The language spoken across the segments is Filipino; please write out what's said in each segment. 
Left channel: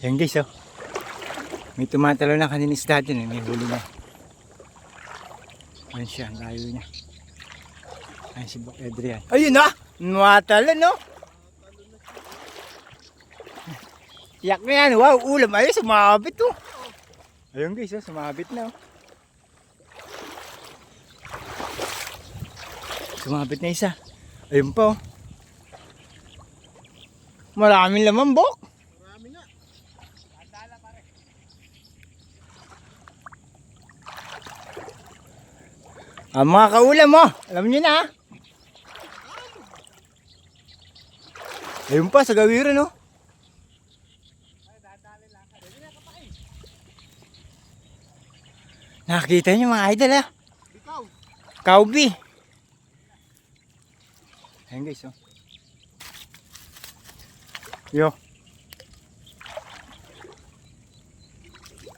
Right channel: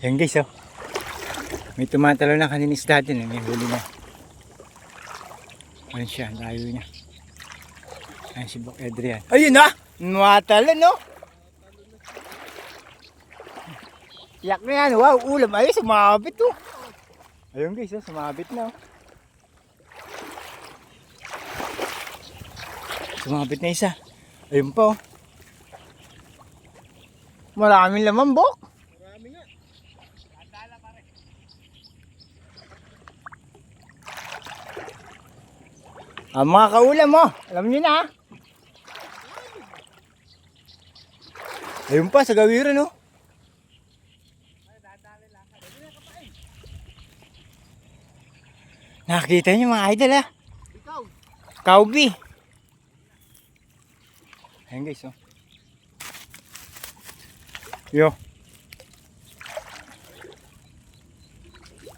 Yan guys, oh. May tumatalo na kanina isda din, eh. May huli na. Ayun siya, layo niya. Ayun si Bok Adrian. Ayun na! Tumatalo, no? Yak na yan. Wow, ulam. Ayun, sumabit, oh. Ayun guys, oh. Sumabit na, oh. Sumabit na isa. Ayun pa, oh. Maraming laman, Bok. Marami nga. Andala pare. Mga kaulam mo, alam nyo na. Ayun pa, sa gawiran, no? Nakakita nyo mga idol, ah. Ikaw. Kaubi. Ayun guys, oh. Yo.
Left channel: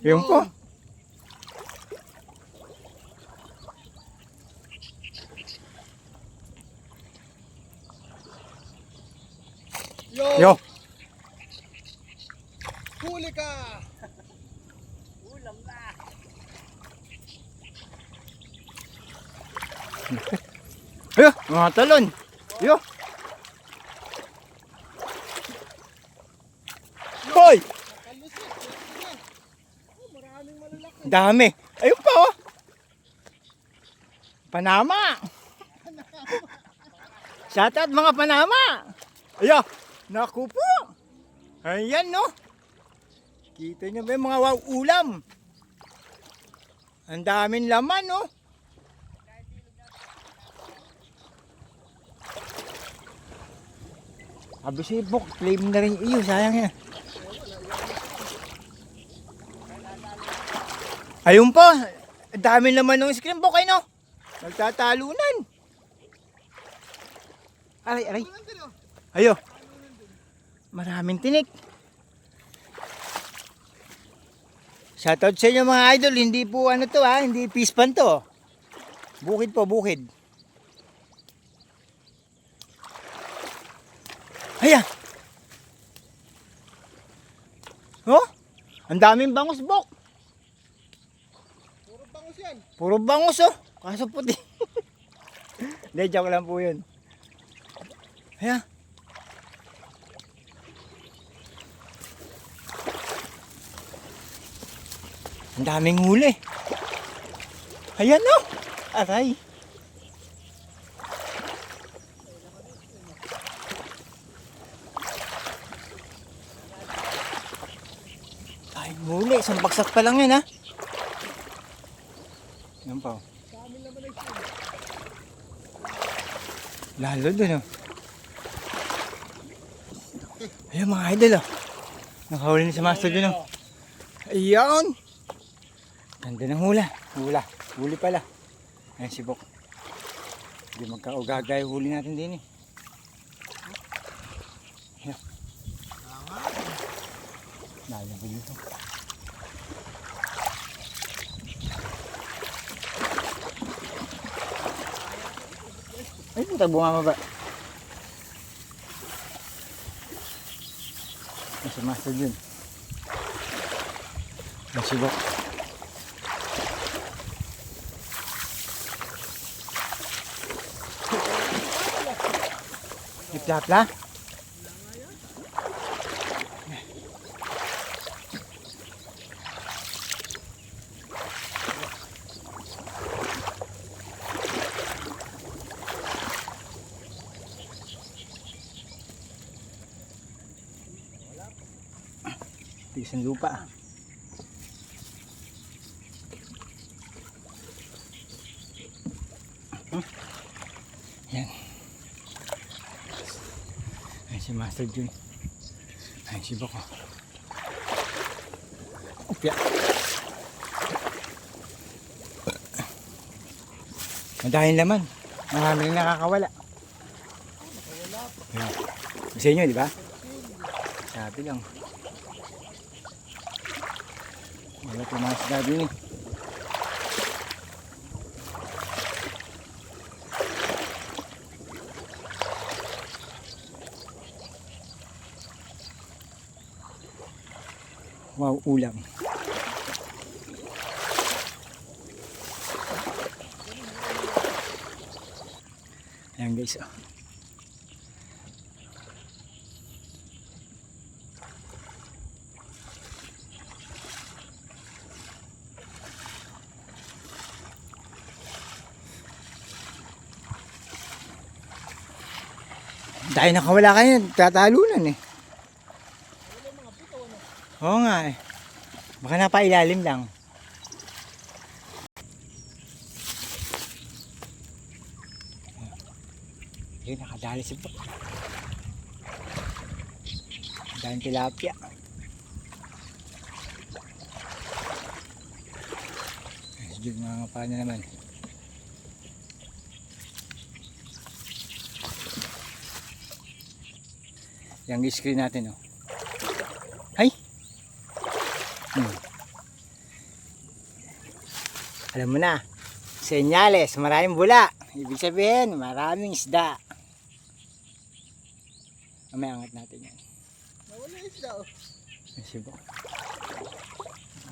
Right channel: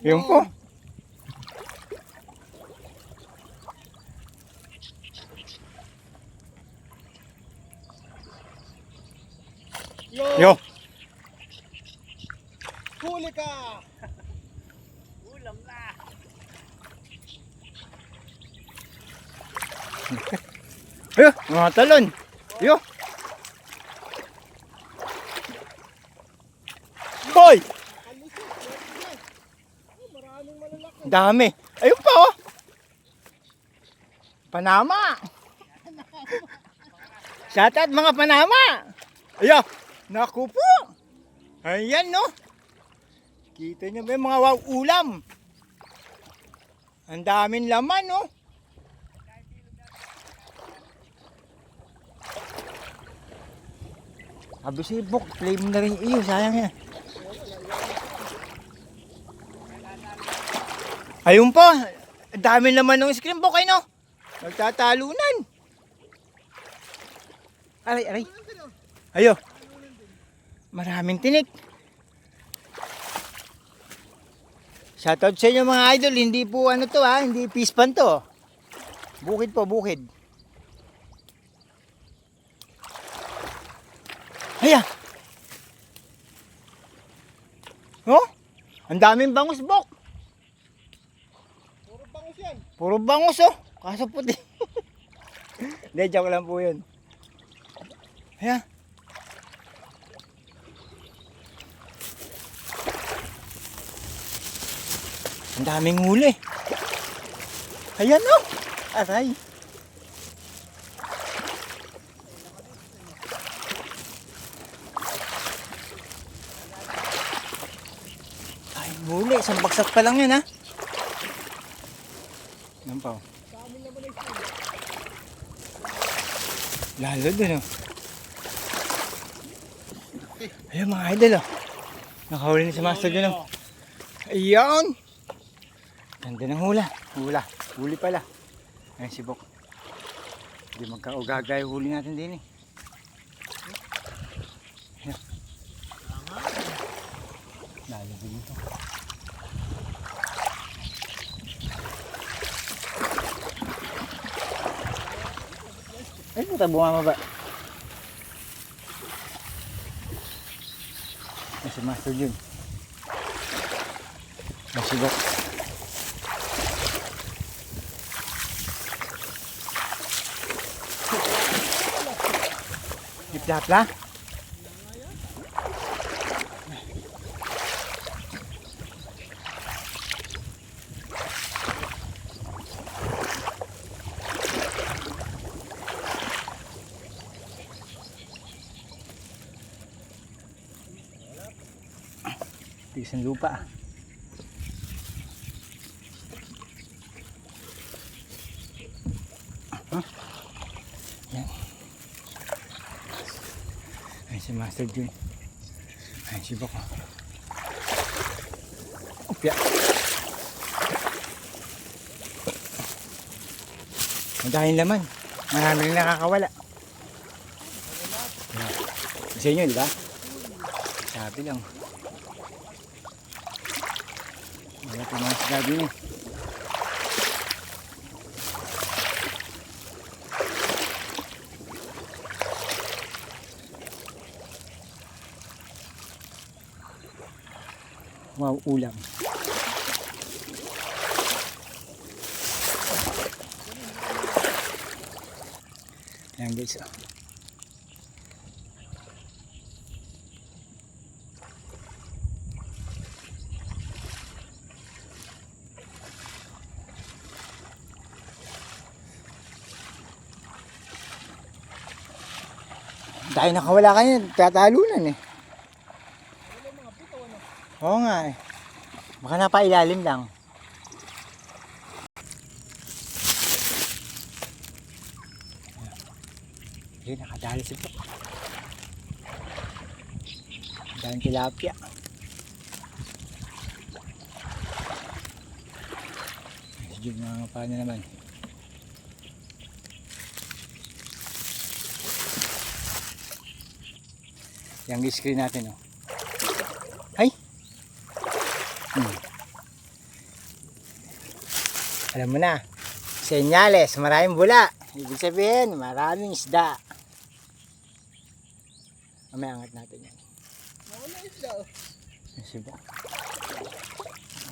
Yung po. Yo. Huli ka. Ulam na. Yo, mga talon. Yo. Hoy! Kalusot. Oh, maraming malalaki. Dami. Ayun pa, oh. Panama. Shoutout mga Panama. Ayo. Naku po. Ayan, no. Kita nyo ba yung mga wow ulam? Ang daming laman, no. Sabi si Bok, play mo na rin iyo. Sayang yan. Ayun po. Ang daming laman ng screen, Bok, no. Nagtatalunan. Aray, aray. Ayo. Maraming tinik. Shoutout sa inyo mga idol. Hindi po ano to, ha. Hindi pispan to. Bukid po, bukid. Aya. Oh? Ang daming bangus, Bok. Puro bangus yan. Puro bangus, oh. Kaso puti. Hindi, joke lang po yun. Aya. Ang daming huli. Ayan, oh. Aray. Ay, huli. Isang bagsak pa lang yan, ha. Yan pa, oh. Sa amin naman ay sila. Lalo dun, oh. Ayun mga idol, oh. Nakahuli na si Master dun, oh. Ayan. Ganda ng hula. Huli pala. Ayan si Bok. Hindi magkaugagay huli natin din, eh. Ayan. Lalabig ito. Ay, puta, bumama ba? Ayan si Master dun. Ayan si Bok. Iplapla? Tigas ng lupa. Yan. Ayan si Master Jun. Ayan si Bok. Upya. Madahil laman. Marami rin nakakawala. Yan. Sa inyo, di ba? Sabi lang. Wala pa mga sinabi niyo. Wow, ulam. Ayan guys. Dahil nakawala kayo, tatalunan eh. Wala mga puto, ano? Oo nga eh. Baka napailalim lang. Ayun, nakadali si Bok. Daming tilapia. Ayun, mga paano naman. Yung screen natin, oh. Hay! Alam mo na, senyales, maraming bula. Ibig sabihin, maraming isda. May angat natin yan. Nawala isda, oh. Ayun si Bok.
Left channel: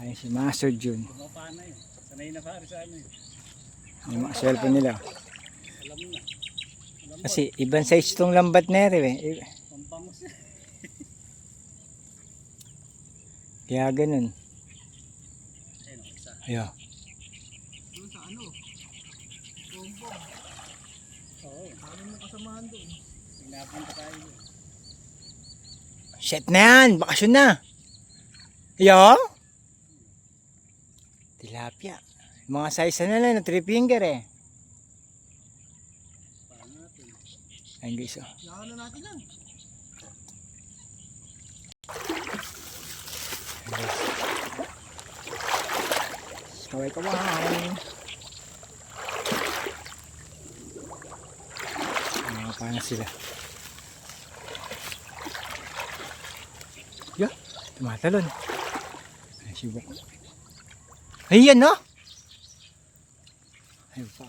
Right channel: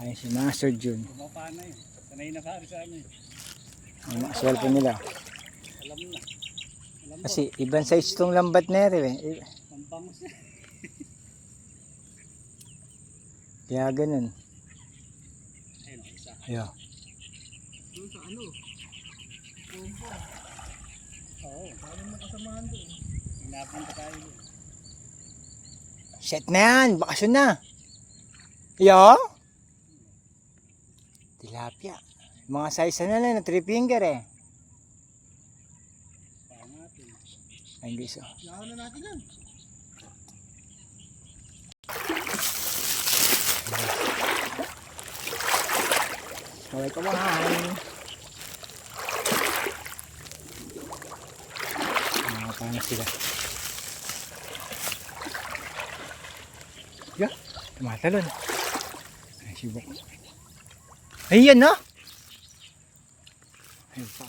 Ayun si Master Jun. Kumapana yun. Sanay na pare sa amin. Yung mga cellphone nila. Alam na. Alam mo, Kasi ibang size itong lambat na rin eh. pampangos yan. Kaya ganun. Ayun, oh, isa. Ayun. Doon sa ano? Pompong. Oo. Paano mo kasamahan doon? Pinapunta tayo doon. Shit na yan, bakasyon na. Yo? Tilapia. Mga size na lang, 3 finger eh. Pangatin. Ayun guys, oh. Yahan na natin yan. Kaway-kaway. Mga panas sila. Yeah, tumatalon. Ay, sibok. Ayan no? Ayun pa.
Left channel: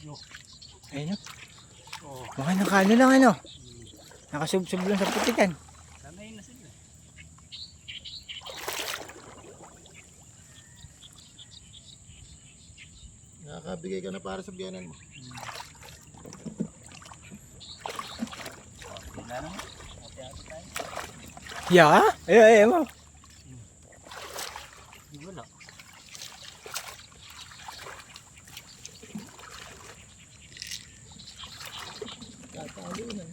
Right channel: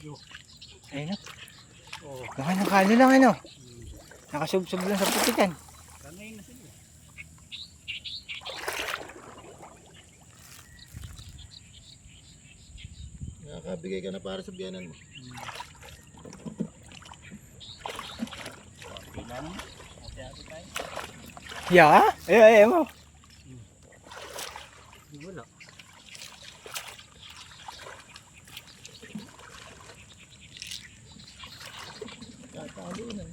Yo. Ayun no? Oo. Mukhang nakano lang ano. Nakasubsob lang sa putikan. Kamay na sila. Nakakabigay ka na para sa biyanan mo. Yeah? Ayun mo. Wala. Tatalo na.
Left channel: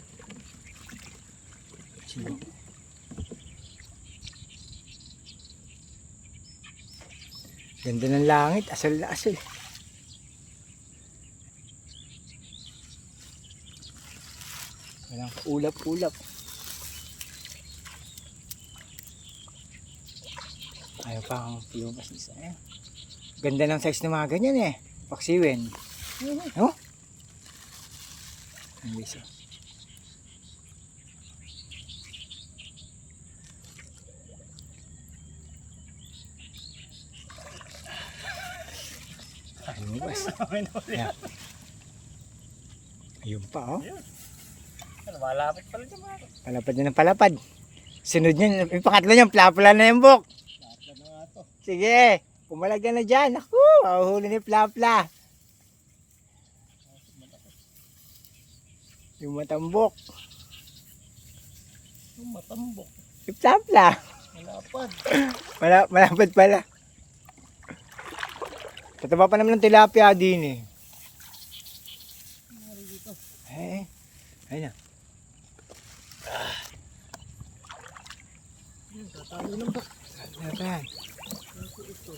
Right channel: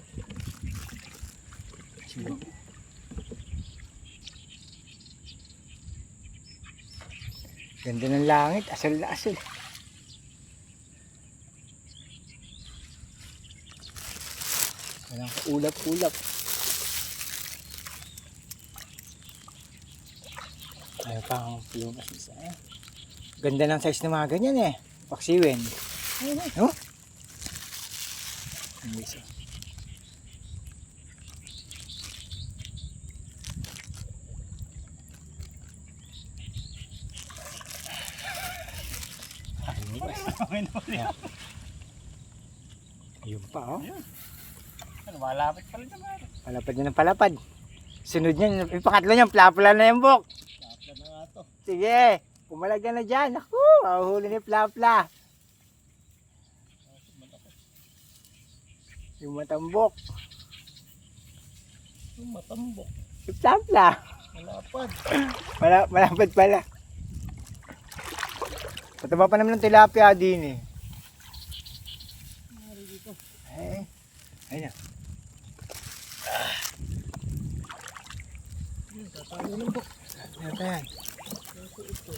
Sibok. Ganda ng langit, asal na asal. Walang kaulap-ulap. Ayaw pa ang pilumas isa eh. Ganda ng size ng mga ganyan eh. Paksiwin. No? Ang guys, oh. Ayun guys. Ayan. Ayun pa oh. Malapit pa rin naman. Palapad na ng palapad. Sunod niyan, yung pangatlo niyan, plapla na yung Bok. Lapla na nga to. Sige, pumalag ka na dyan. Ako, mahuhuli ni plapla. Yung matambok. Yung matambok. Yung plapla. Malapad. Malapad pala. Tataba pa naman ng tilapia din eh. Mari dito. Ayun na. Tatalo ng bok. Ano pa yan? Kaso ito.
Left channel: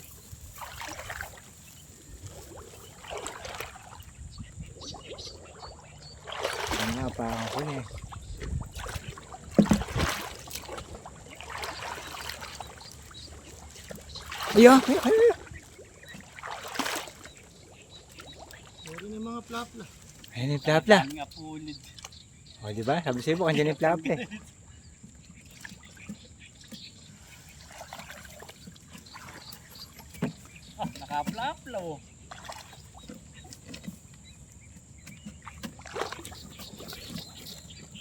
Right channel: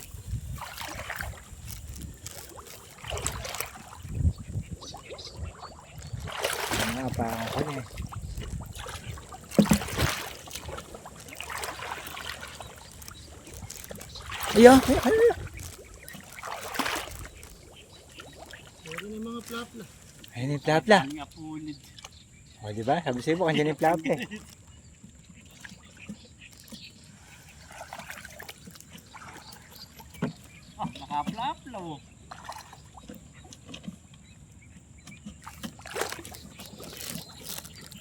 Ano nga, parang ako na eh. Ayun, ayun. Meron yung mga plapla. Ayun yung plapla. Nga pulid. O diba, sabi sa'yo po, kandiyan yung plapla eh. Nakaplapla oh.